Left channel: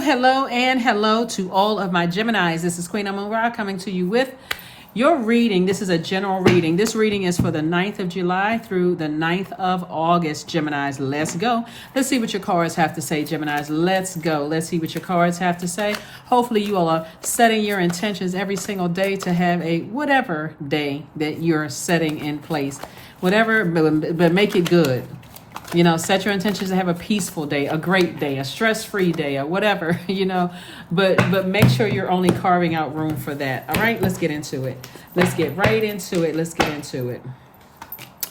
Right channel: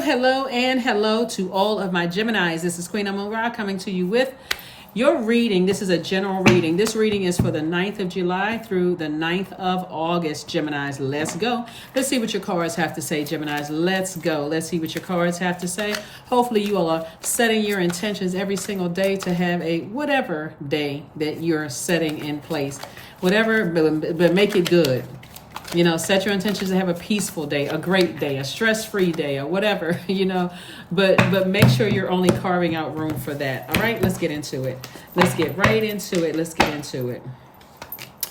Hello, and hello to all of my Geminis. This is Queen Amun Ra coming to you with your reading. This is a general reading. This reading is for the 9th of July through the 9th of August, Geminis. Let's go. Let's see what your cards have to say, Geminis. Let's go. Let's see what your cards have to say. Hopefully you all are setting your intentions every single day to have a whatever day that you're setting in place. Whatever, but make it good. You know, set your intentions to have a peaceful day, a great day, a stress-free day, or whatever, but make sure you're only carving out room for that. All right, let's get into it. Let's get right into it. Let's get into it.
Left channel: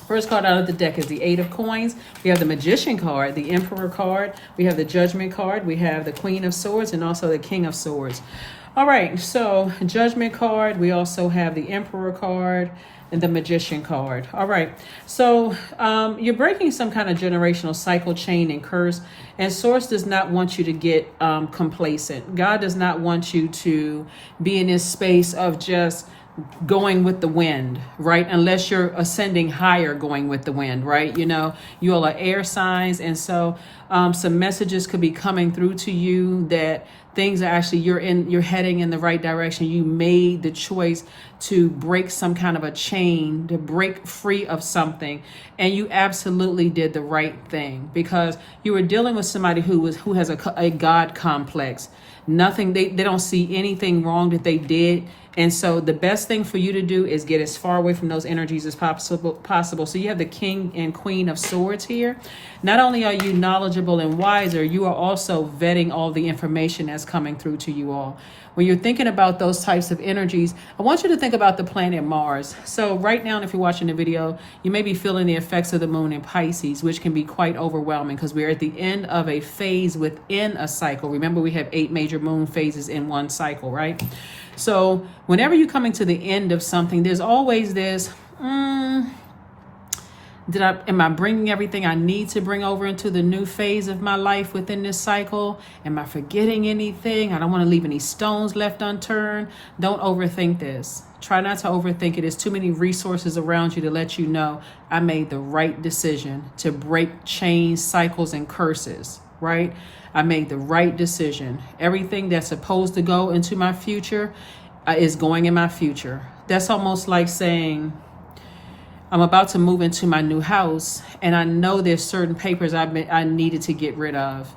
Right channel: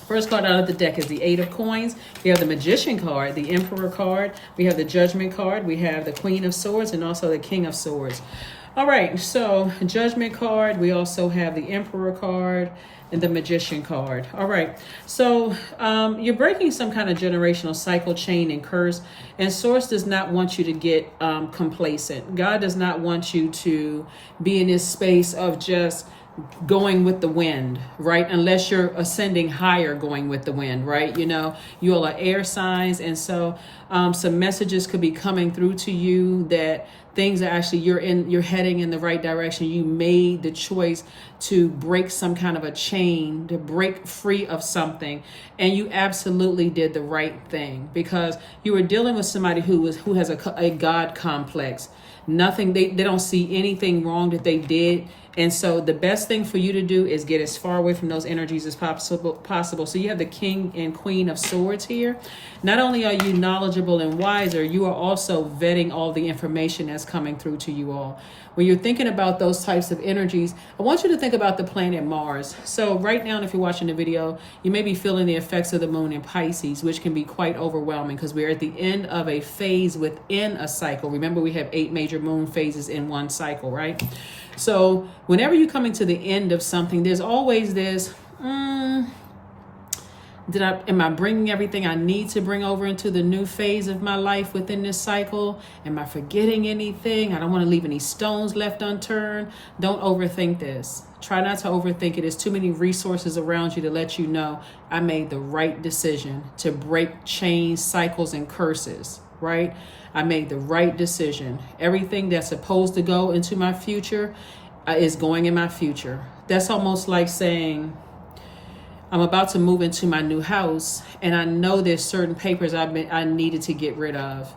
First card out of the deck is the Eight of Coins. We have the Magician card, the Emperor card. We have the Judgment card. We have the Queen of Swords and also the King of Swords. All right, so Judgment card. We also have the Emperor card and the Magician card. All right, so you're breaking some kind of generational cycle, chain, and curse, and Source does not want you to get complacent. God does not want you to be in this space of just going with the wind, right? Unless you're ascending higher, going with the wind, right? You all are air signs, and so some messages could be coming through to you that things are actually you're heading in the right direction. You made the choice to break some kind of a chain, to break free of something, and you absolutely did the right thing because you were dealing with somebody who has a God complex. Nothing, they don't see anything wrong that they did. And so the best thing for you to do is get as far away from those energies as possible. So you have the King and Queen of Swords here. Not only are you knowledgeable and wiser, you are also vetting all the information that's coming through to you all. When you're thinking about those types of energies, I want you to think about the planet Mars. So right now, if you're watching the video, you may be feeling the effects of the moon in Pisces, which can be quite overwhelming because we're at the end of a phase within a cycle. Remember, we have 8 major moon phases in one cycle, right? So whenever you're coming to the end of something, there's always this, am I bringing everything I need to bring over into the new phase of my life within this cycle? Am I forgetting anything? I don't want to leave any stones left unturned. Don't overthink this. Try not to overthink it. There's too many resources around you to let you know I made the right decision to break chains, cycles, and curses, right? I made the right decision. Everything that's supposed to go into my future is going in my future. That's almost like saying, I'm about to move into my new house and I know there's certain papers I needed to get rid of.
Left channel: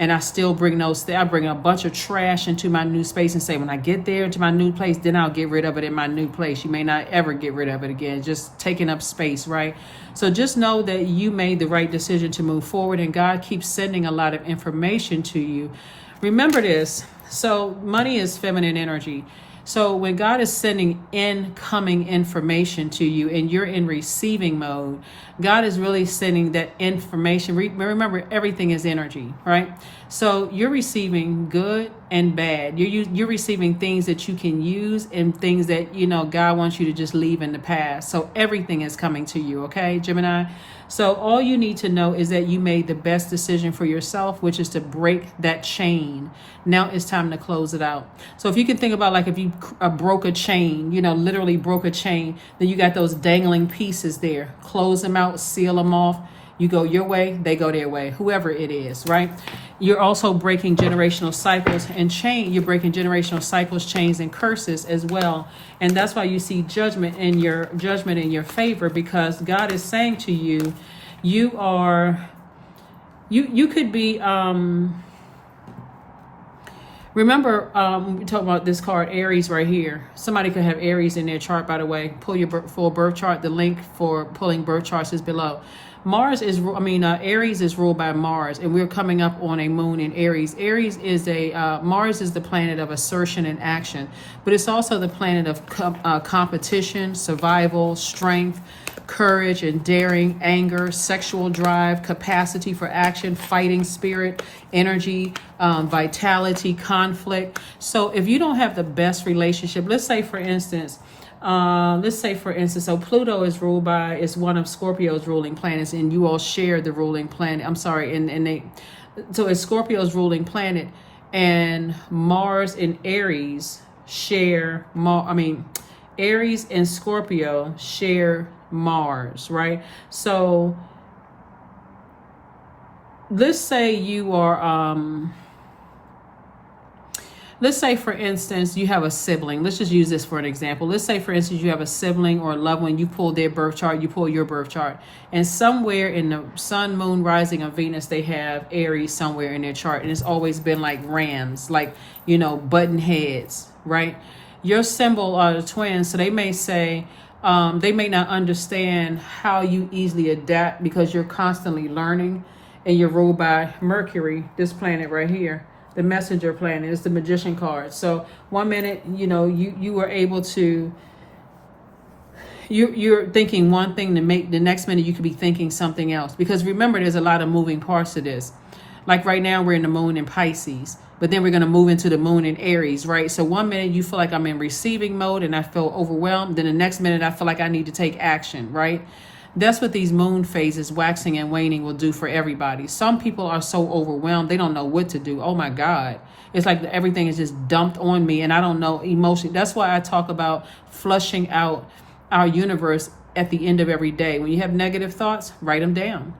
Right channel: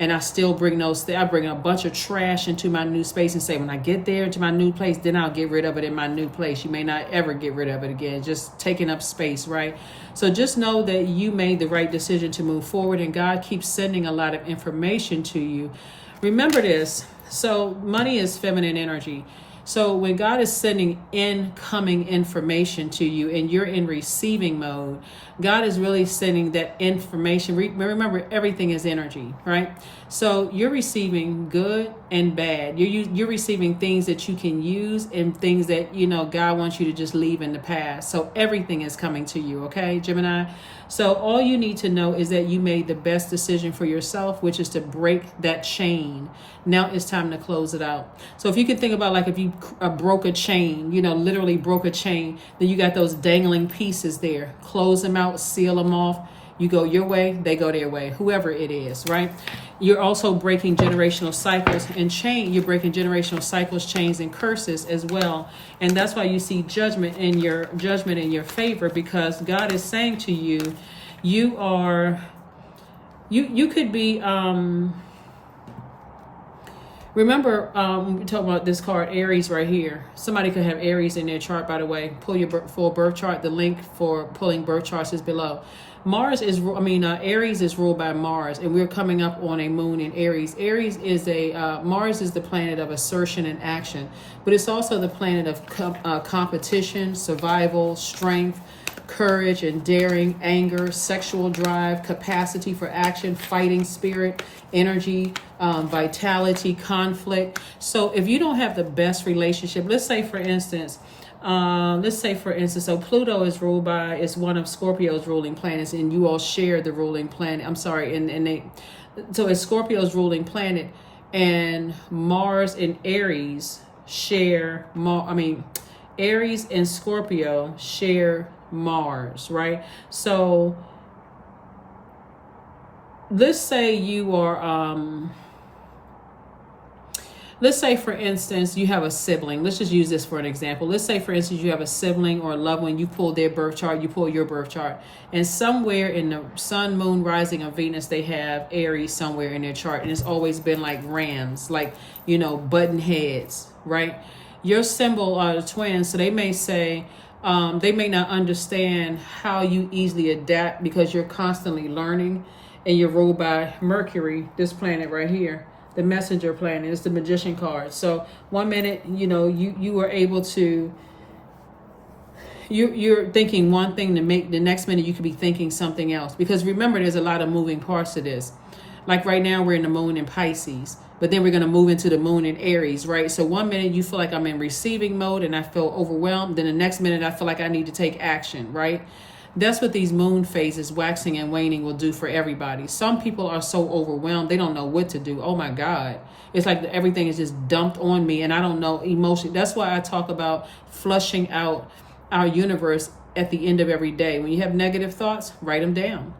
And I still bring I bring a bunch of trash into my new space and say, when I get there to my new place, then I'll get rid of it in my new place. You may not ever get rid of it again, just taking up space, right? So just know that you made the right decision to move forward and God keeps sending a lot of information to you. Remember this. So money is feminine energy. So when God is sending incoming information to you and you're in receiving mode, God is really sending that information. Remember, everything is energy, right? So you're receiving good and bad. You're receiving things that you can use and things that, God wants you to just leave in the past. So everything is coming to you, okay, Gemini? So all you need to know is that you made the best decision for yourself, which is to break that chain. Now it's time to close it out. So if you can think about like if you broke a chain, literally broke a chain, then you got those dangling pieces there. Close them out, seal them off. You go your way, they go their way, whoever it is, right? You're also breaking generational cycles and you're breaking generational cycles, chains, and curses as well. And that's why you see judgment in your favor, because God is saying to you, you could be, remember, when we talk about this card, Aries right here. Somebody could have Aries in their chart, by the way. Pull your full birth chart. The link for pulling birth charts is below. Aries is ruled by Mars, and we're coming up on a moon in Aries. Aries is Mars is the planet of assertion and action, but it's also the planet of competition, survival, strength, courage and daring, anger, sexual drive, capacity for action, fighting spirit, energy, vitality, conflict. So if you don't have the best relationship, let's say for instance, so Pluto is one of Scorpio's ruling planets, and you all share the ruling planet. So it's Scorpio's ruling planet, and Mars and Aries Aries and Scorpio share Mars, right? So let's say you are let's say, for instance, you have a sibling. Let's just use this for an example. Let's say, for instance, you have a sibling or a loved one. You pull their birth chart, you pull your birth chart, and somewhere in the sun, moon, rising of Venus, they have Aries somewhere in their chart, and it's always been like rams, like, button heads, right? Your symbol are the twins, so they may say, they may not understand how you easily adapt because you're constantly learning, and you're ruled by Mercury, this planet right here. The messenger planet is the magician card. So one minute, you are able to, you're thinking one thing to make the next minute you could be thinking something else. Because remember, there's a lot of moving parts to this. Like right now, we're in the moon in Pisces, but then we're going to move into the moon in Aries, right? So one minute you feel like I'm in receiving mode and I feel overwhelmed. Then the next minute I feel like I need to take action, right? That's what these moon phases, waxing and waning, will do for everybody. Some people are so overwhelmed, they don't know what to do. Oh my God. It's like everything is just dumped on me and I don't know emotionally. That's why I talk about flushing out our universe at the end of every day. When you have negative thoughts, write them down.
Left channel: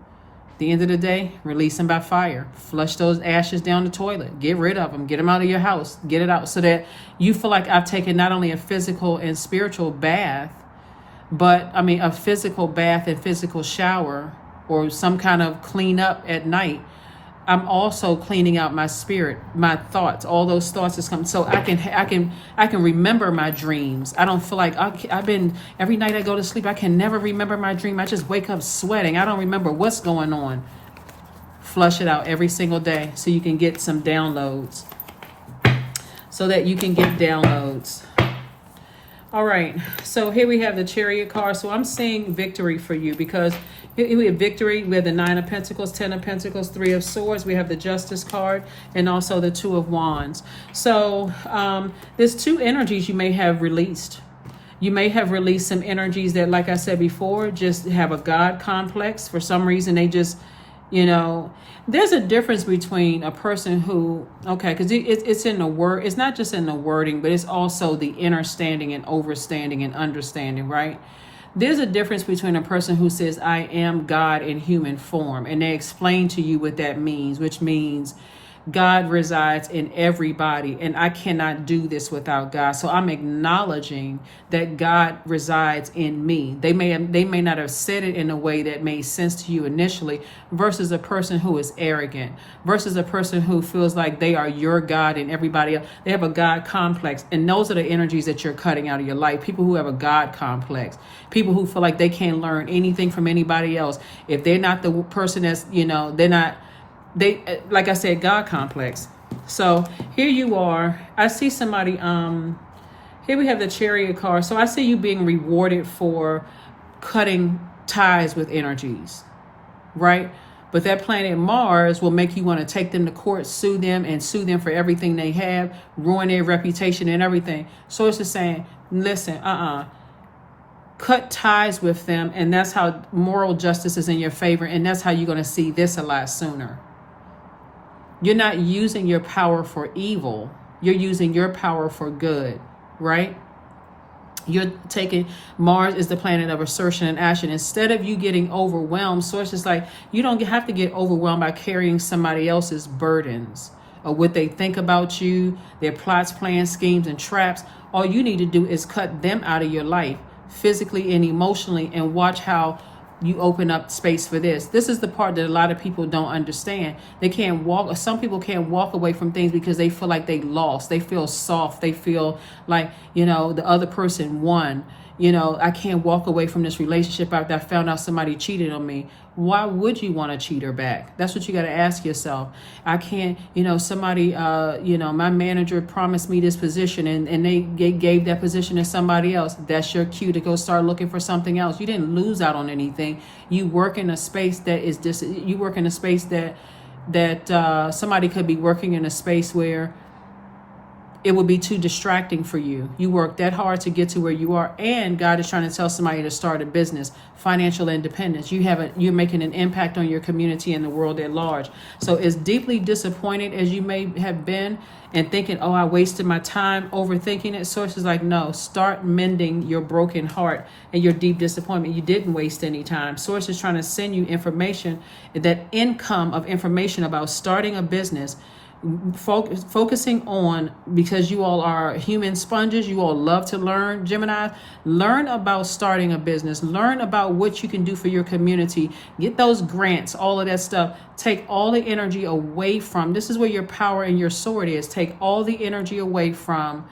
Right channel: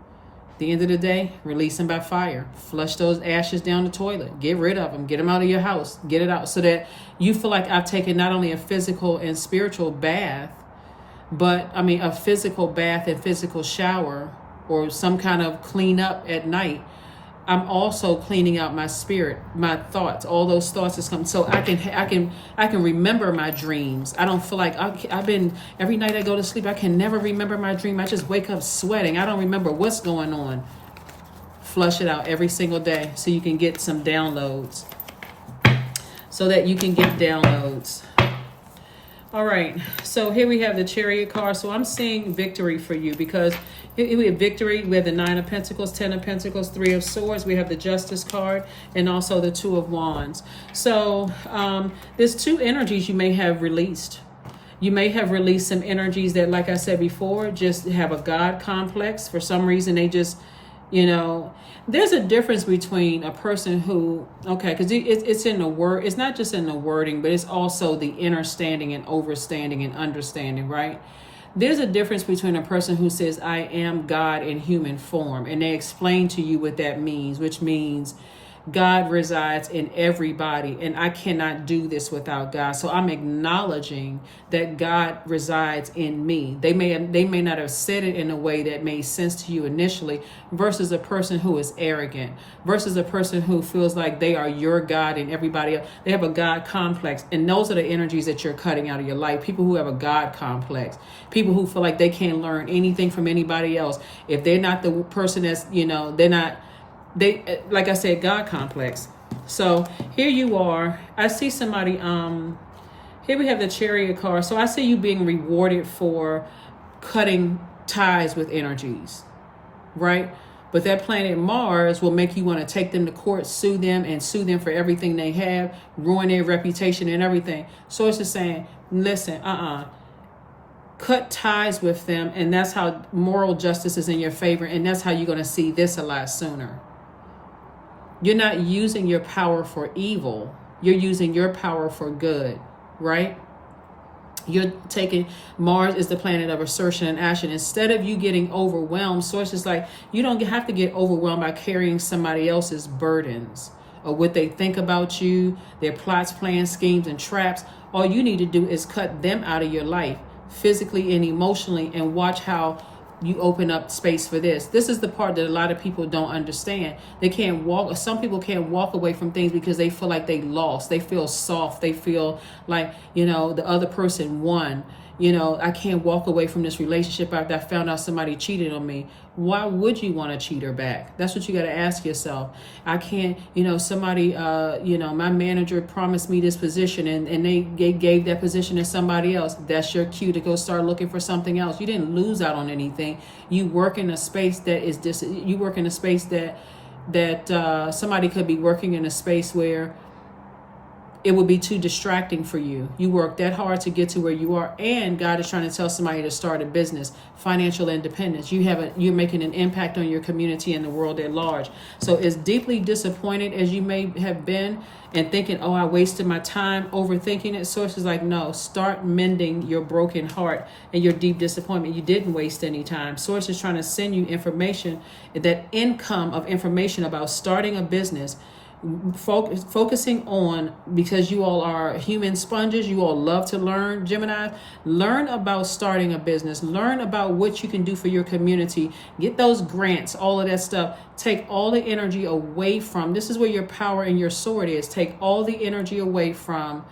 At the end of the day, release them by fire. Flush those ashes down the toilet. Get rid of them. Get them out of your house. Get it out so that you feel like I've taken not only a physical and spiritual bath, but a physical bath and physical shower or some kind of clean up at night. I'm also cleaning out my spirit, my thoughts, all those thoughts that's coming. So I can remember my dreams. I don't feel like every night I go to sleep, I can never remember my dream. I just wake up sweating. I don't remember what's going on. Flush it out every single day so you can get some downloads. All right, so here we have the Chariot card. So I'm seeing victory for you because here we have victory. We have the 9 of Pentacles, 10 of Pentacles, 3 of Swords. We have the Justice card and also the 2 of Wands. So there's 2 energies you may have released. You may have released some energies that, like I said before, just have a God complex. For some reason, they just, there's a difference between a person who, because it's in the word, it's not just in the wording, but it's also the understanding and overstanding and understanding, right? There's a difference between a person who says, I am God in human form, and they explain to you what that means, which means God resides in everybody, and I cannot do this without God. So I'm acknowledging that God resides in me. They may not have said it in a way that made sense to you initially, versus a person who is arrogant, versus a person who feels like they are your God and everybody else. They have a God complex, and those are the energies that you're cutting out of your life. People who have a God complex, people who feel like they can't learn anything from anybody else. If they're not the person that's, they're not. They, like I said, God complex. So here you are. I see somebody, here we have the Chariot card. So I see you being rewarded for cutting ties with energies, right? But that planet Mars will make you want to take them to court, sue them for everything they have, ruin their reputation and everything. So it's just saying, listen, cut ties with them, and that's how moral justice is in your favor, and that's how you're going to see this a lot sooner. You're not using your power for evil. You're using your power for good, right? You're taking, Mars is the planet of assertion and action. Instead of you getting overwhelmed, so it's just like, you don't have to get overwhelmed by carrying somebody else's burdens or what they think about you, their plots, plans, schemes, and traps. All you need to do is cut them out of your life, physically and emotionally, and watch how you open up space for this. This is the part that a lot of people don't understand. They can't walk, some people can't walk away from things because they feel like they lost. They feel soft. They feel like, the other person won. I can't walk away from this relationship after I found out somebody cheated on me. Why would you want to cheat her back? That's what you got to ask yourself. I can't, somebody, my manager promised me this position and they gave that position to somebody else. That's your cue to go start looking for something else. You didn't lose out on anything. You work in a space that is you work in a space that somebody could be working in a space where it would be too distracting for you. You work that hard to get to where you are, and God is trying to tell somebody to start a business, financial independence. You're making an impact on your community and the world at large. So as deeply disappointed as you may have been and thinking, I wasted my time overthinking it, Source is like, no, start mending your broken heart and your deep disappointment. You didn't waste any time. Source is trying to send you information, that income of information about starting a business, focusing on, because you all are human sponges, you all love to learn, Gemini. Learn about starting a business, learn about what you can do for your community, get those grants, all of that stuff. Take all the energy away from, this is where your power and your sword is. Take all the energy away from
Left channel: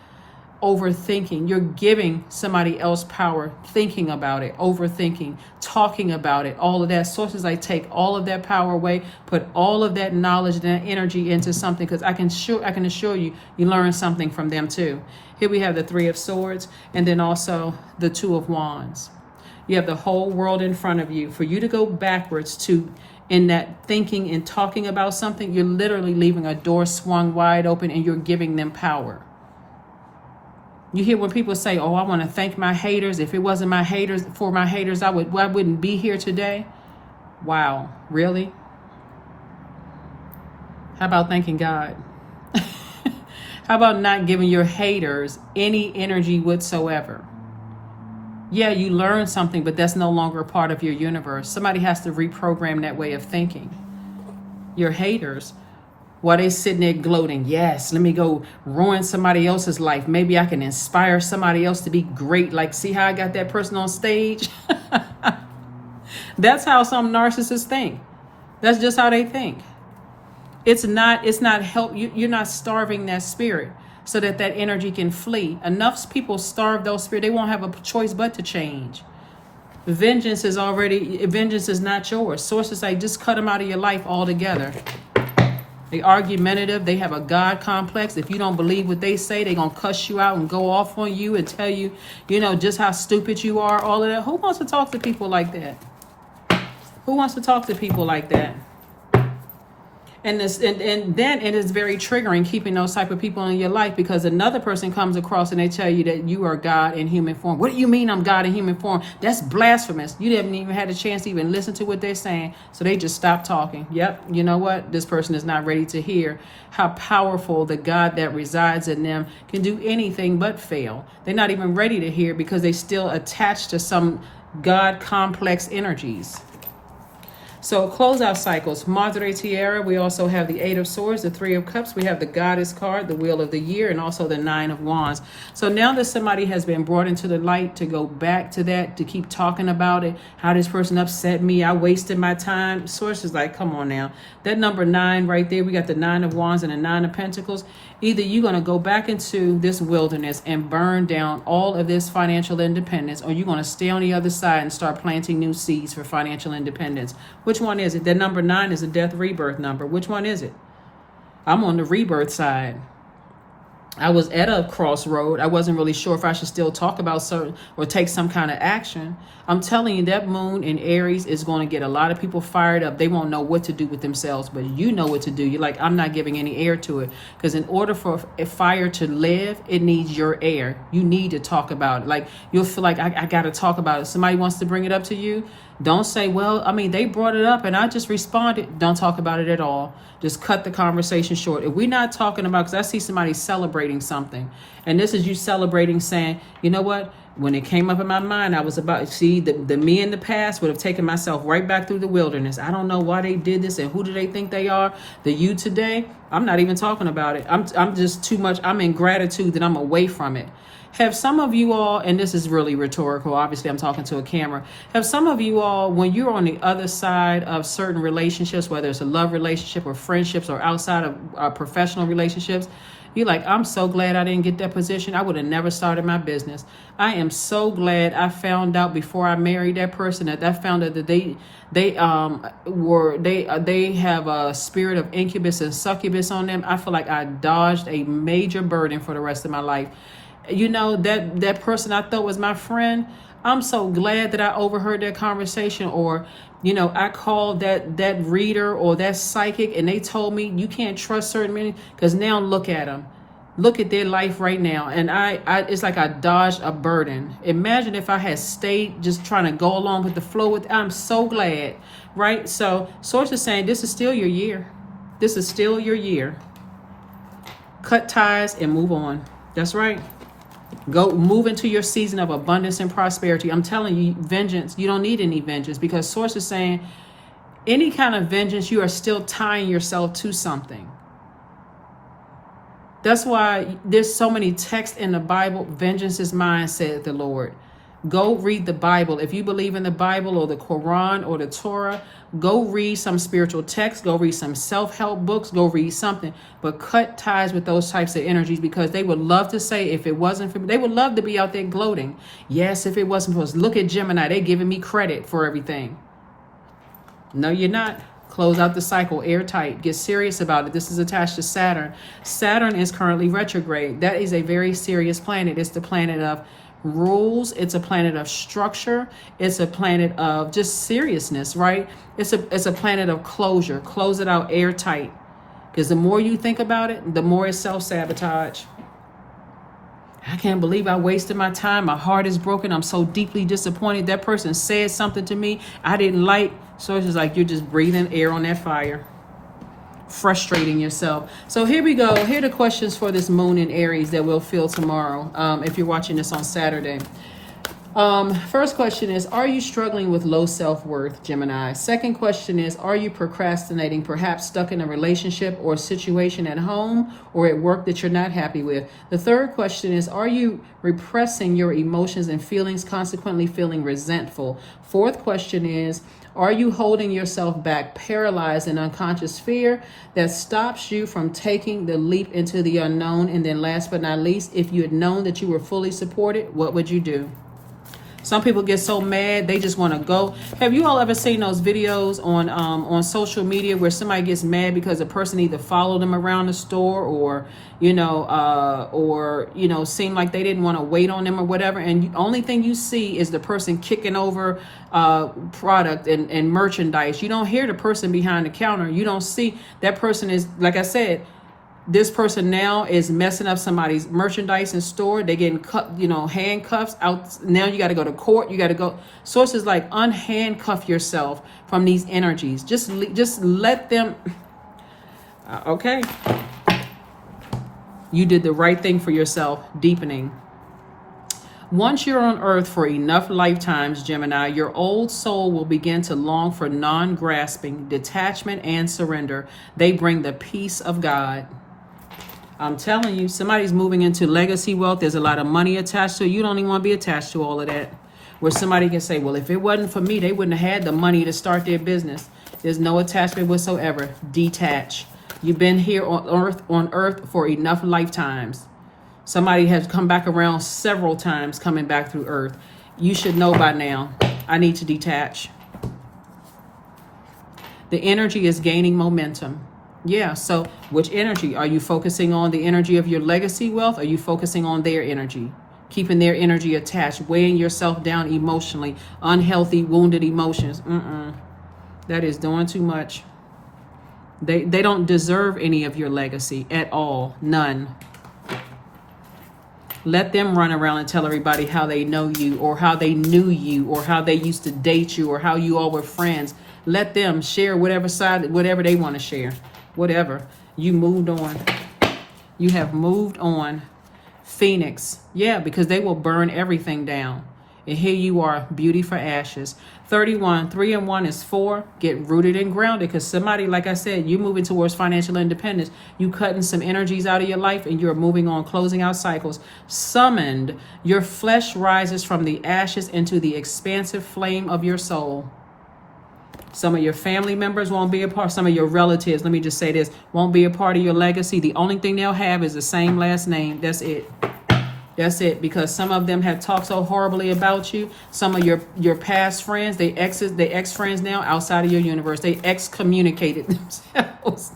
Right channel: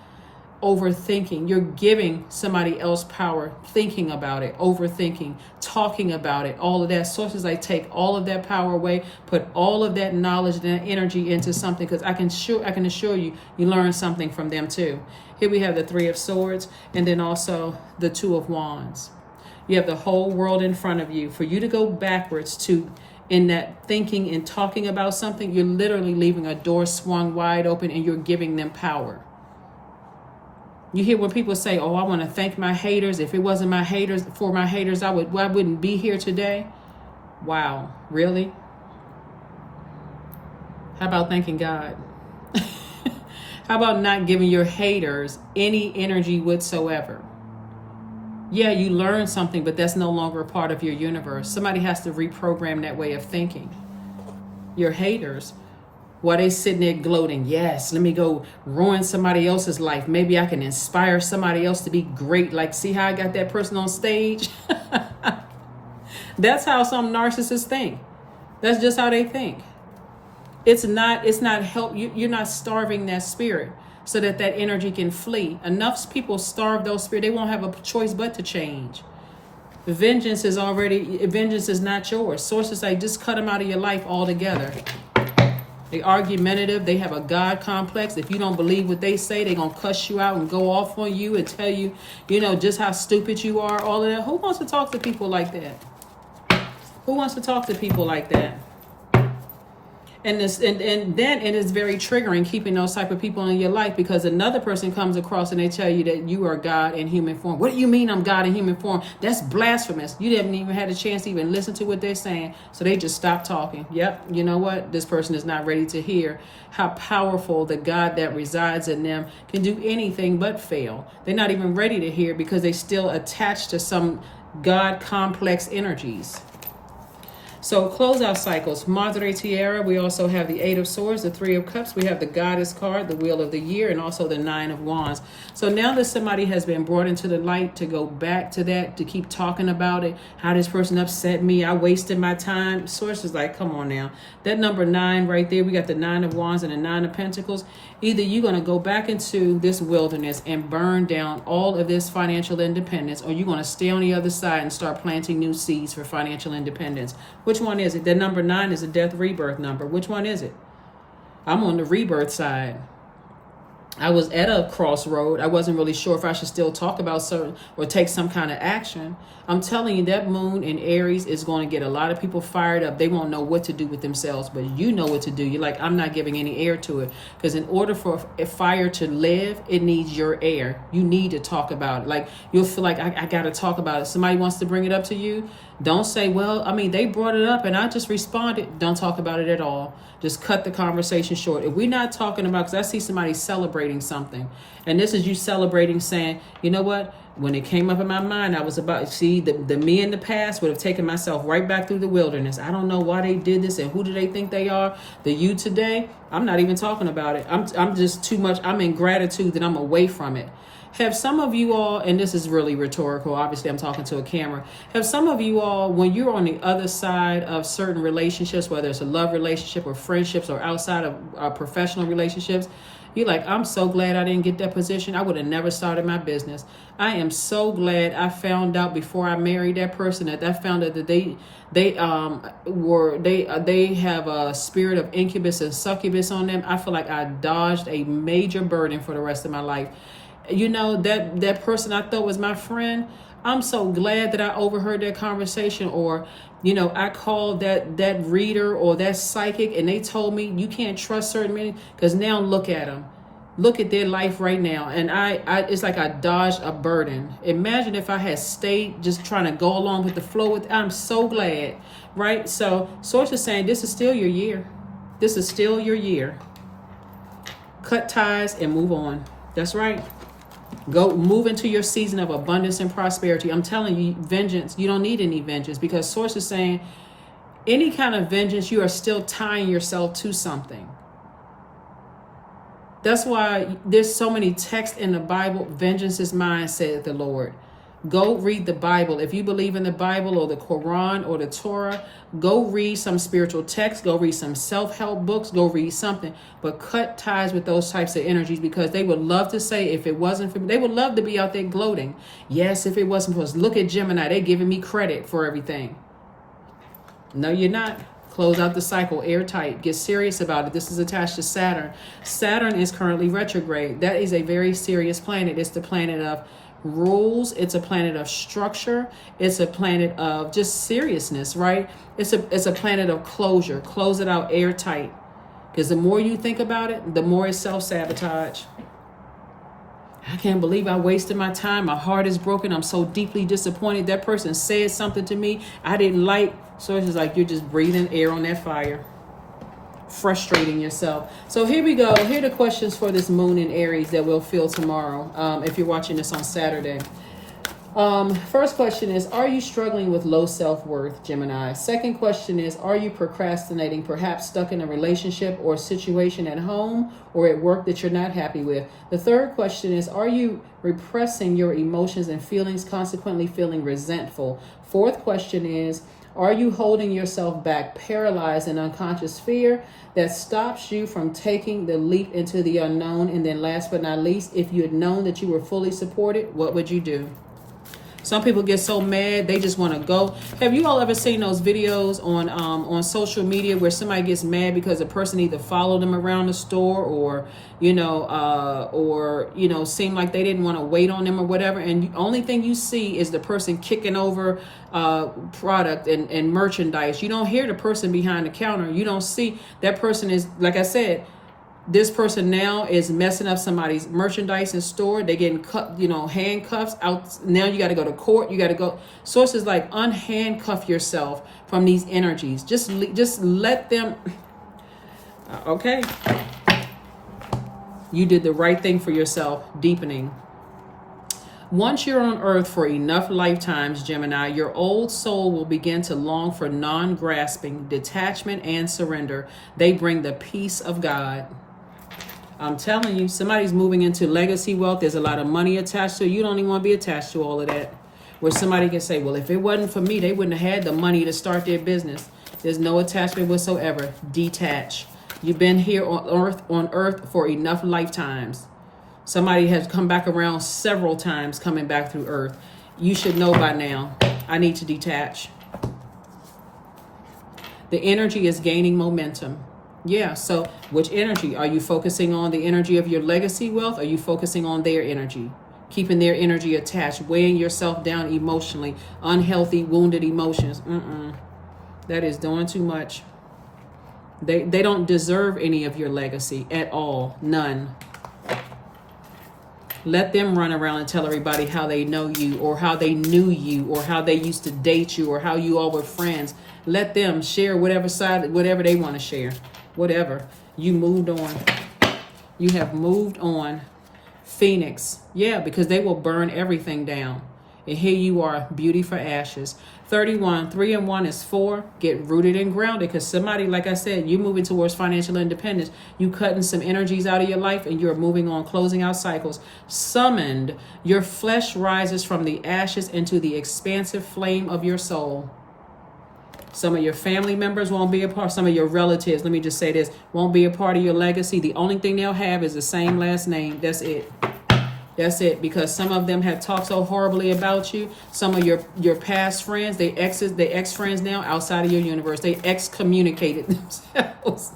overthinking. You're giving somebody else power, thinking about it, overthinking, talking about it, all of that. Sources, I take all of that power away, put all of that knowledge and that energy into something, because I can assure you, you learn something from them too. Here we have the Three of Swords, and then also the Two of Wands. You have the whole world in front of you. For you to go backwards to in that thinking and talking about something, you're literally leaving a door swung wide open, and you're giving them power. You hear when people say, oh, I want to thank my haters. If it wasn't my haters, I wouldn't be here today. Wow, really? How about thanking God? How about not giving your haters any energy whatsoever? Yeah, you learn something, but that's no longer a part of your universe. Somebody has to reprogram that way of thinking. Your haters, while they sitting there gloating, yes, let me go ruin somebody else's life. Maybe I can inspire somebody else to be great. Like, see how I got that person on stage? That's how some narcissists think. That's just how they think. It's not help. You're not starving that spirit so that energy can flee. Enough people starve those spirits. They won't have a choice but to change. Vengeance is not yours. Sources say just cut them out of your life altogether. They argumentative. They have a God complex. If you don't believe what they say, they're going to cuss you out and go off on you and tell you, just how stupid you are, all of that. Who wants to talk to people like that? Who wants to talk to people like that? And then it is very triggering keeping those type of people in your life, because another person comes across and they tell you that you are God in human form. What do you mean I'm God in human form? That's blasphemous. You haven't even had a chance to even listen to what they're saying. So they just stop talking. Yep, you know what? This person is not ready to hear how powerful the God that resides in them can do anything but fail. They're not even ready to hear because they still attached to some God complex energies. So closeout cycles, Madre Tierra. We also have the Eight of Swords, the Three of Cups. We have the Goddess card, the Wheel of the Year, and also the Nine of Wands. So now that somebody has been brought into the light, to go back to that, to keep talking about it, how this person upset me, I wasted my time. Source is like, come on now. That number 9 right there, we got the Nine of Wands and the Nine of Pentacles. Either you're going to go back into this wilderness and burn down all of this financial independence, or you're going to stay on the other side and start planting new seeds for financial independence. Which one is it? That number 9 is a death rebirth number. Which one is it? I'm on the rebirth side. I was at a crossroad. I wasn't really sure if I should still talk about certain or take some kind of action. I'm telling you, that moon in Aries is going to get a lot of people fired up. They won't know what to do with themselves, but you know what to do. You're like, I'm not giving any air to it, because in order for a fire to live, it needs your air. You need to talk about it. Like, you'll feel like, I got to talk about it. Somebody wants to bring it up to you. Don't say, well, they brought it up and I just responded. Don't talk about it at all. Just cut the conversation short. If we're not talking about, because I see somebody celebrating something, and this is you celebrating, saying, you know what? When it came up in my mind, I was about, see, the me in the past would have taken myself right back through the wilderness. I don't know why they did this and who do they think they are. The you today, I'm not even talking about it. I'm just too much. I'm in gratitude that I'm away from it. Have some of you all, and this is really rhetorical, obviously I'm talking to a camera, have some of you all, when you're on the other side of certain relationships, whether it's a love relationship or friendships or outside of professional relationships, you're like, I'm so glad I didn't get that position. I would have never started my business. I am so glad I found out before I married that person that I found out that they have a spirit of incubus and succubus on them. I feel like I dodged a major burden for the rest of my life. You know, that person I thought was my friend, I'm so glad that I overheard that conversation. Or, I called that reader or that psychic and they told me you can't trust certain men, because now look at them. Look at their life right now. And it's like I dodged a burden. Imagine if I had stayed just trying to go along with the flow with, I'm so glad, right? So Source is saying this is still your year. This is still your year. Cut ties and move on. That's right. Go move into your season of abundance and prosperity. I'm telling you, vengeance, you don't need any vengeance, because Source is saying any kind of vengeance, you are still tying yourself to something. That's why there's so many texts in the Bible. Vengeance is mine, said the Lord. Go read the Bible. If you believe in the Bible or the Quran or the Torah, go read some spiritual texts. Go read some self-help books. Go read something. But cut ties with those types of energies, because they would love to say, if it wasn't for me, they would love to be out there gloating. Yes, if it wasn't for us. Look at Gemini. They're giving me credit for everything. No, you're not. Close out the cycle, airtight. Get serious about it. This is attached to Saturn. Saturn is currently retrograde. That is a very serious planet. It's the planet of rules. It's a planet of structure. It's a planet of just seriousness, right? It's a planet of closure. Close it out airtight. Because the more you think about it, the more it's self-sabotage. I can't believe I wasted my time. My heart is broken. I'm so deeply disappointed. That person said something to me I didn't like. So it's just like you're just breathing air on that fire. Frustrating yourself. So here we go. Here are the questions for this moon in Aries that we'll feel tomorrow, if you're watching this on Saturday. First question is, are you struggling with low self-worth, Gemini? Second question is, are you procrastinating, perhaps stuck in a relationship or situation at home or at work that you're not happy with? The third question is, are you repressing your emotions and feelings, consequently feeling resentful? Fourth question is, are you holding yourself back, paralyzed in unconscious fear that stops you from taking the leap into the unknown? And then last but not least, if you had known that you were fully supported, what would you do? Some people get so mad they just want to go. Have you all ever seen those videos on social media where somebody gets mad because a person either followed them around the store or seemed like they didn't want to wait on them or whatever, and the only thing you see is the person kicking over product and merchandise. You don't hear the person behind the counter. You don't see that person is, like I said, this person now is messing up somebody's merchandise in store. They're getting handcuffs out. Now you got to go to court. You got to go. Sources like, unhandcuff yourself from these energies. Just let them. Okay. You did the right thing for yourself. Deepening. Once you're on earth for enough lifetimes, Gemini, your old soul will begin to long for non-grasping, detachment, and surrender. They bring the peace of God. I'm telling you, somebody's moving into legacy wealth. There's a lot of money attached to it. You don't even want to be attached to all of that. Where somebody can say, well, if it wasn't for me, they wouldn't have had the money to start their business. There's no attachment whatsoever. Detach. You've been here on earth for enough lifetimes. Somebody has come back around several times coming back through earth. You should know by now, I need to detach. The energy is gaining momentum. Yeah, so which energy? Are you focusing on the energy of your legacy wealth? Or are you focusing on their energy? Keeping their energy attached, weighing yourself down emotionally, unhealthy, wounded emotions. That is doing too much. They don't deserve any of your legacy at all. None. Let them run around and tell everybody how they know you, or how they knew you, or how they used to date you, or how you all were friends. Let them share whatever they want to share. Whatever. You moved on. You have moved on. Phoenix. Yeah, because they will burn everything down. And here you are, beauty for ashes. 31, 3 and 1 is 4. Get rooted and grounded, because somebody, like I said, you're moving towards financial independence. You cutting some energies out of your life and you're moving on, closing out cycles. Summoned, your flesh rises from the ashes into the expansive flame of your soul. Some of your family members won't be a part. Some of your relatives, let me just say this, won't be a part of your legacy. The only thing they'll have is the same last name. That's it. That's it. Because some of them have talked so horribly about you. Some of your past friends, they ex-friends now outside of your universe. They excommunicated themselves.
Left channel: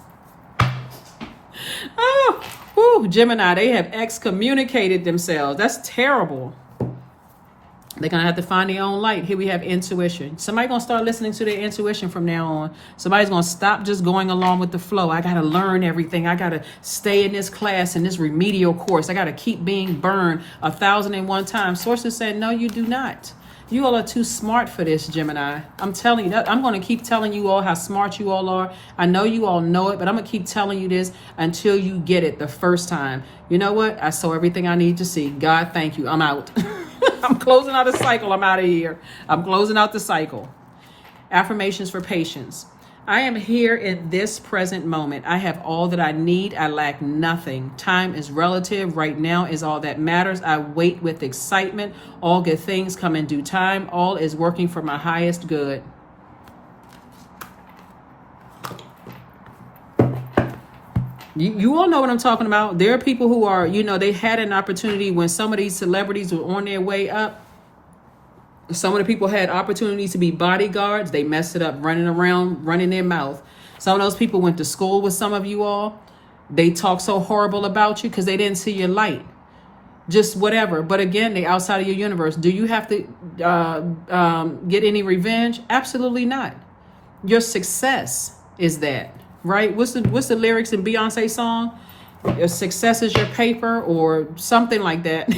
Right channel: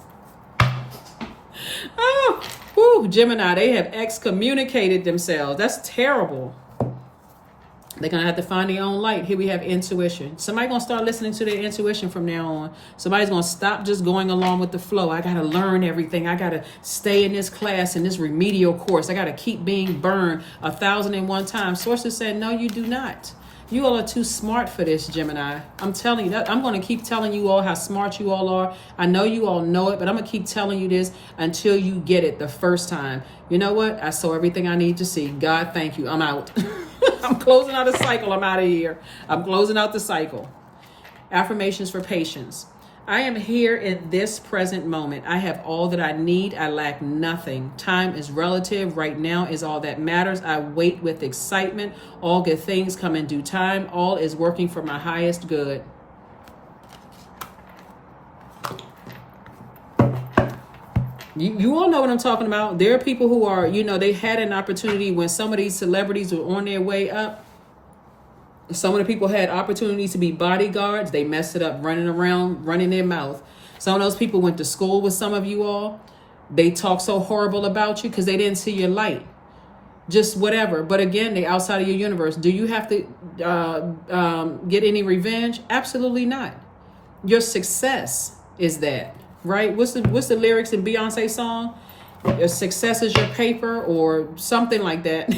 Gemini, they have excommunicated themselves. That's terrible. They're going to have to find their own light. Here we have intuition. Somebody's going to start listening to their intuition from now on. Somebody's going to stop just going along with the flow. I got to learn everything. I got to stay in this class, in this remedial course. I got to keep being burned 1,001 times. Sources said, no, you do not. You all are too smart for this, Gemini. I'm telling you that. I'm going to keep telling you all how smart you all are. I know you all know it, but I'm going to keep telling you this until you get it the first time. You know what? I saw everything I need to see. God, thank you. I'm out. I'm closing out a cycle. I'm out of here. I'm closing out the cycle. Affirmations for patience. I am here in this present moment. I have all that I need. I lack nothing. Time is relative. Right now is all that matters. I wait with excitement. All good things come in due time. All is working for my highest good. You all know what I'm talking about. There are people who are, they had an opportunity when some of these celebrities were on their way up. Some of the people had opportunities to be bodyguards. They messed it up, running around, running their mouth. Some of those people went to school with some of you all. They talk so horrible about you because they didn't see your light. Just whatever. But again, they outside of your universe. Do you have to get any revenge? Absolutely not. Your success is that, right? What's the lyrics in Beyonce's song? Your success is your paper, or something like that.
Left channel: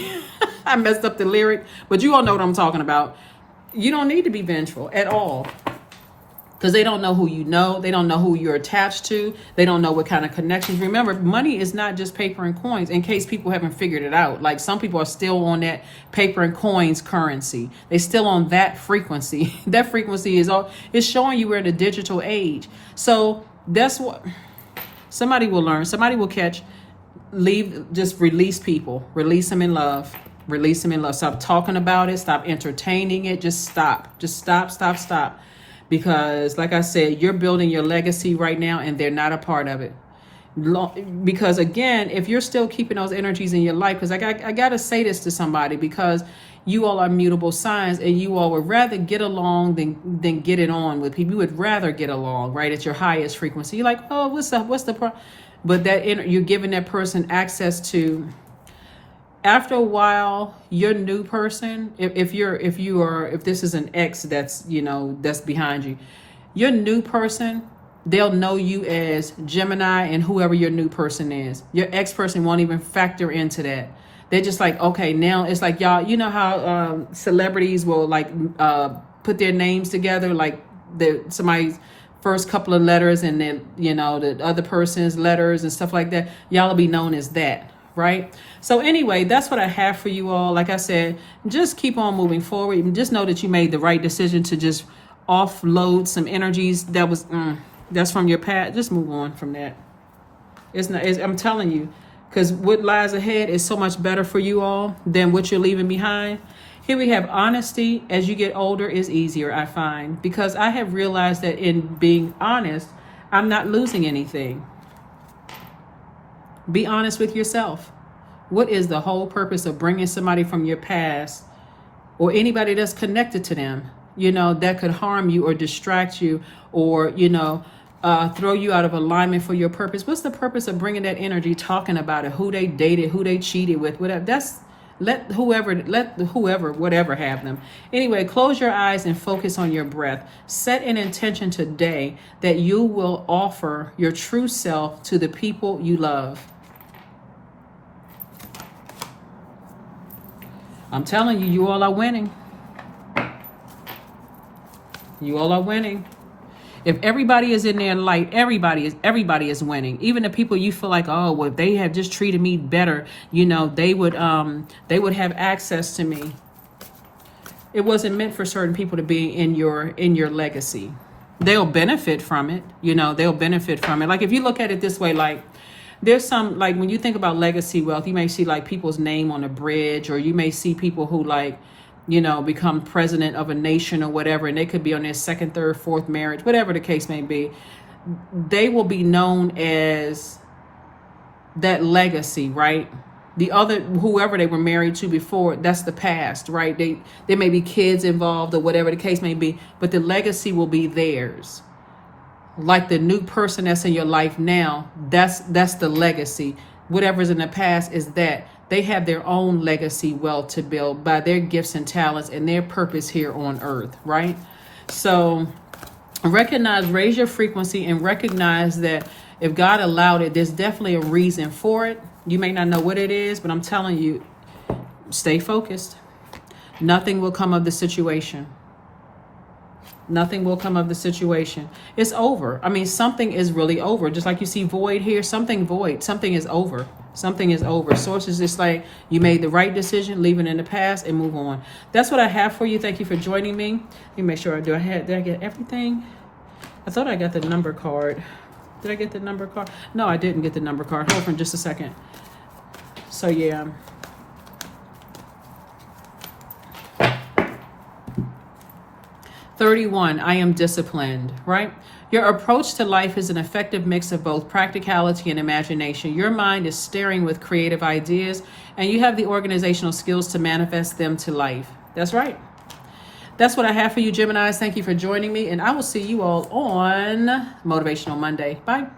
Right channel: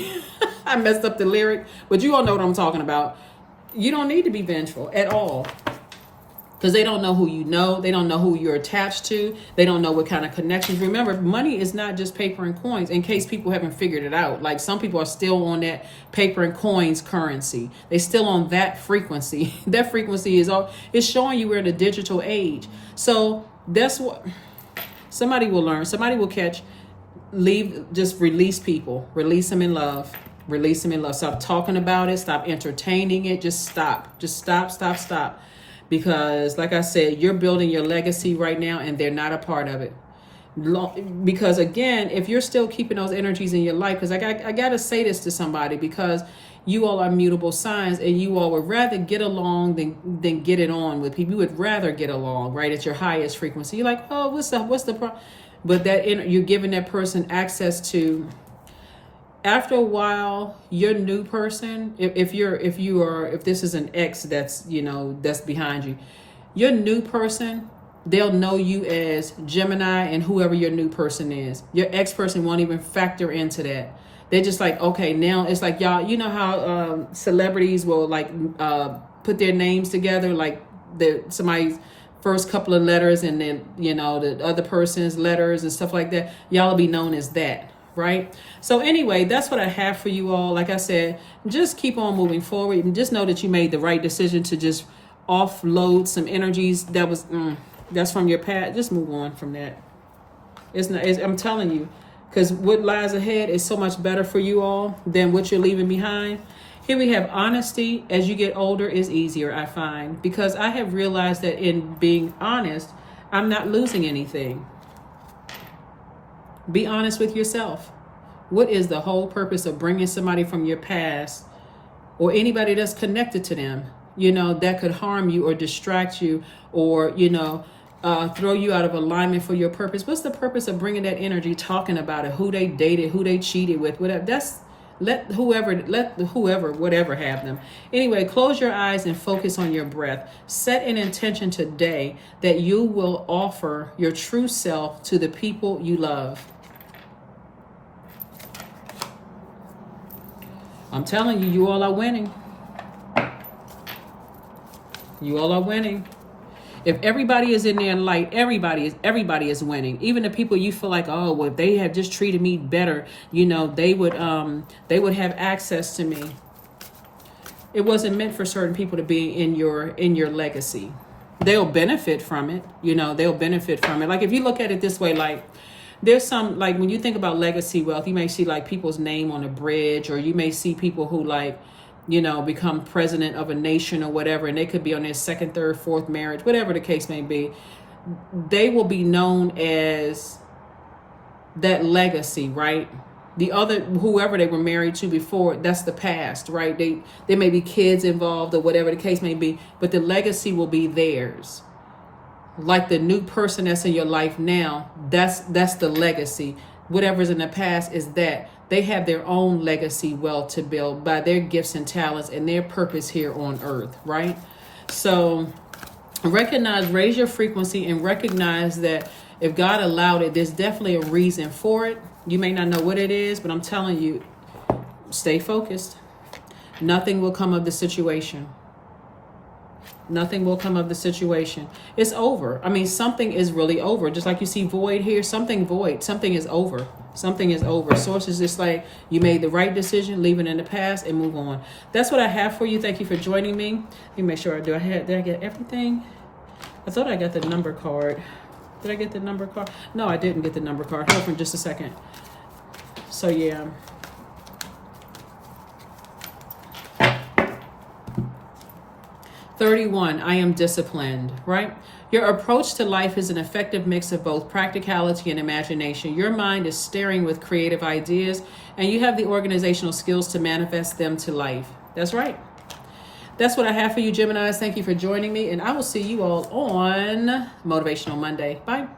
I messed up the lyric, but you all know what I'm talking about. You don't need to be vengeful at all, because they don't know who you know. They don't know who you're attached to. They don't know what kind of connections. Remember, money is not just paper and coins, in case people haven't figured it out. Like, some people are still on that paper and coins currency. They're still on that frequency. That frequency is showing you we're in a digital age. So that's what somebody will learn. Somebody will catch. Just release people. Release them in love. Release them in love. Stop talking about it. Stop entertaining it. Just stop. Just stop. Because, like I said, you're building your legacy right now, and they're not a part of it. Because, again, if you're still keeping those energies in your life, because I got to say this to somebody, because you all are mutable signs, and you all would rather get along than get it on with people. You would rather get along, right, at your highest frequency. You're like, oh, what's up? What's the problem? But you're giving that person access to. After a while, your new person, if this is an ex that's behind you, your new person, they'll know you as Gemini and whoever your new person is. Your ex person won't even factor into that. They're just like, okay, now it's like, y'all, you know how celebrities will put their names together, like somebody's first couple of letters and then, the other person's letters and stuff like that. Y'all will be known as that. Right? So anyway, that's what I have for you all. Like I said, just keep on moving forward. And just know that you made the right decision to just offload some energies that's from your past. Just move on from that. I'm telling you, because what lies ahead is so much better for you all than what you're leaving behind. Here we have honesty. As you get older is easier, I find, because I have realized that in being honest, I'm not losing anything. Be honest with yourself. What is the whole purpose of bringing somebody from your past, or anybody that's connected to them, that could harm you or distract you, or, throw you out of alignment for your purpose? What's the purpose of bringing that energy, talking about it, who they dated, who they cheated with, whatever? Let whoever, whatever, have them. Anyway, close your eyes and focus on your breath. Set an intention today that you will offer your true self to the people you love. I'm telling you, you all are winning. You all are winning. If everybody is in their light, everybody is winning. Even the people you feel like, oh, well, if they had just treated me better, they would have access to me. It wasn't meant for certain people to be in your legacy. They'll benefit from it. They'll benefit from it. Like, if you look at it this way, like, there's some, like, when you think about legacy wealth, you may see like people's name on a bridge, or you may see people who become president of a nation or whatever, and they could be on their second, third, fourth marriage, whatever the case may be. They will be known as that legacy, right? The other, whoever they were married to before, that's the past, right? There may be kids involved or whatever the case may be, but the legacy will be theirs. Like the new person that's in your life now, that's the legacy. Whatever's in the past is that. They have their own legacy wealth to build by their gifts and talents and their purpose here on earth, right? So raise your frequency, and recognize that if God allowed it, there's definitely a reason for it. You may not know what it is, but I'm telling you, stay focused. Nothing will come of the situation. Nothing will come of the situation. It's over. I mean, something is really over. Just like you see void here, something void. Something is over. Something is over. Source is just like, you made the right decision, leave it in the past and move on. That's what I have for you. Thank you for joining me. Let me make sure did I get everything? I thought I got the number card. Did I get the number card? No, I didn't get the number card. Hold on for just a second. So yeah. "31, I am disciplined," right? Your approach to life is an effective mix of both practicality and imagination. Your mind is staring with creative ideas, and you have the organizational skills to manifest them to life. That's right. That's what I have for you, Geminis. Thank you for joining me, and I will see you all on Motivational Monday. Bye.